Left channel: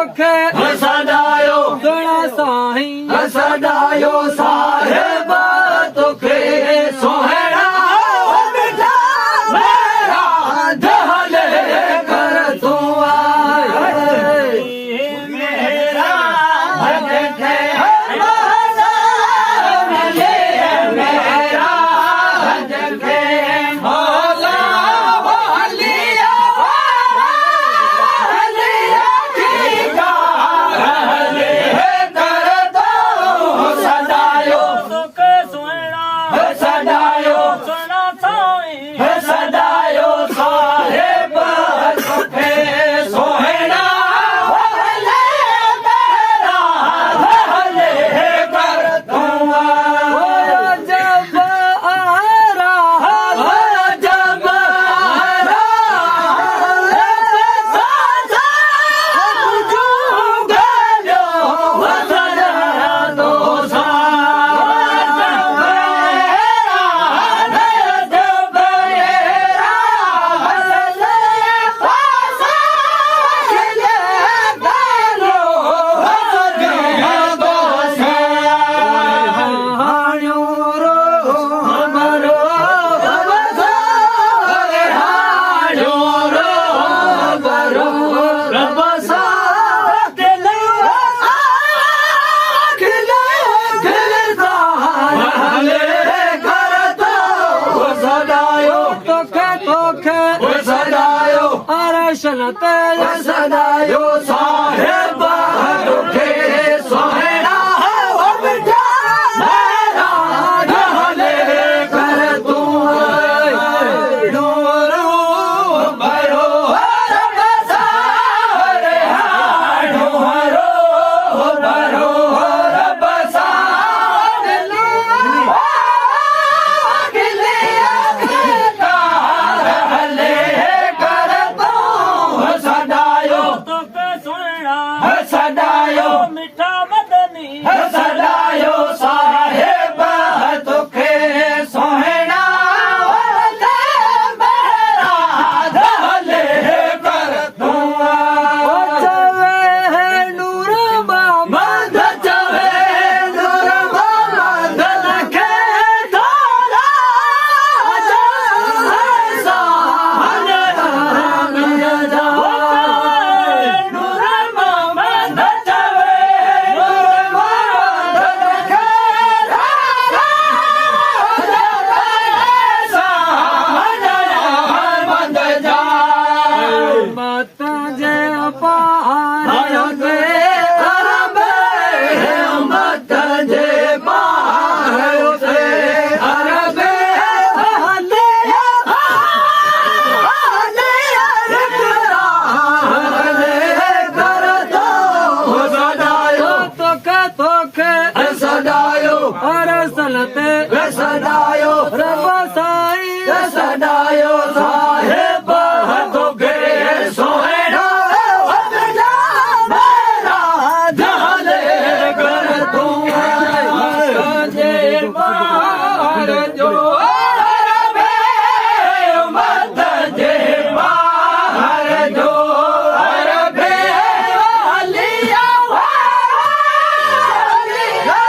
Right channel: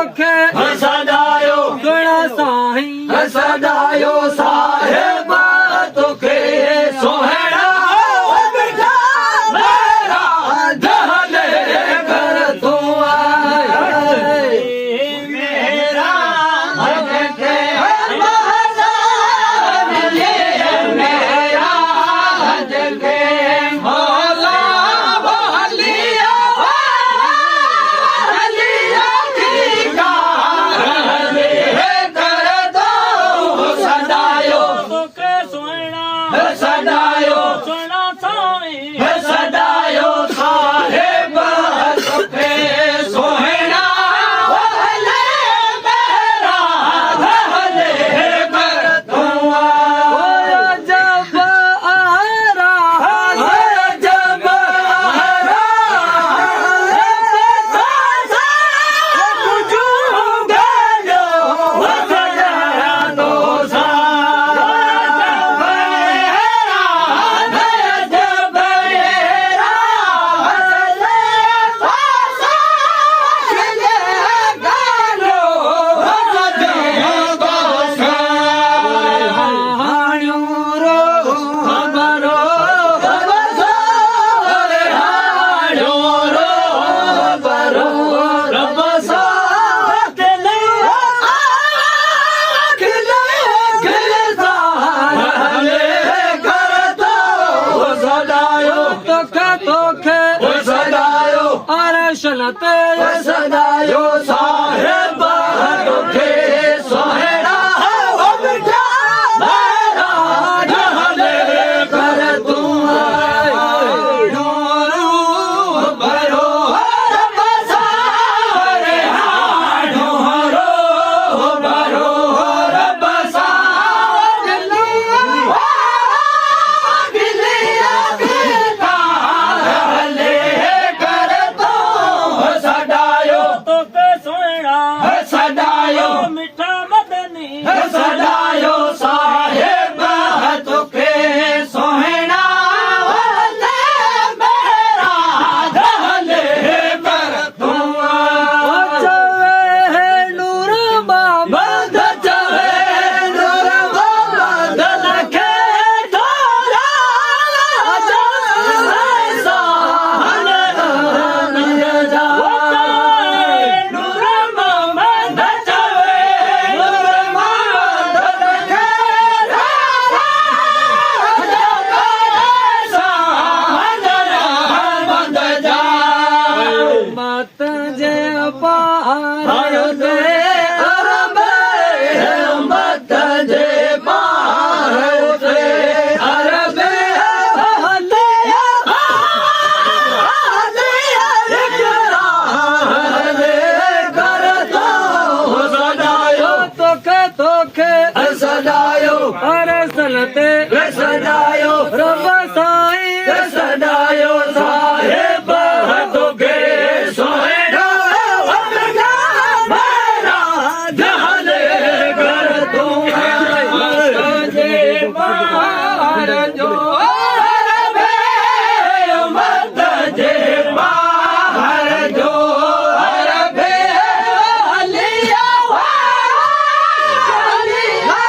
तोखे सदायो सुना साईं सदायो साहिब तोखे सोहणा मिठा मेरा दहले कर तू आए मेरा हज के मिले मेरा हज के मौला वालिया वालिया ठीका रहले कर दो सदायो तोखे सुना सदायो सुना साईं सदायो साहिब तोखे सोहणा भले मेरा भले कर तू जब आरा जब तोखे सदायो अरे शनते सदायो साहिब तोखे सोहणा मिठा मेरा दहले कर तू डोरू भरो रब सारे डोरो भरो रब सारे सदायो तोखे सुना सदायो मिठा मदनी सदायो साहिब तोखे सोहणा मेरा दहले कर तू चवे है नूर बाबा मद चवे नूर मोहम्मद लखे थोरा साहन मिर्जा नूर मोहम्मद चवे नूर मोहम्मद लखे साहन मद जा मत जे पार आयो दे अरबे मत जे पार आयो दे अरबे हलिया हलिया हले कर दो सदायो तोखे सदायो अरे सलते सदायो रब साईं सदायो साहिब तोखे सोहणा मेरा दहले कर तू जे पार जो अरबे मत जे पार जो अरबे हलिया हलिया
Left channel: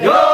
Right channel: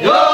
Yo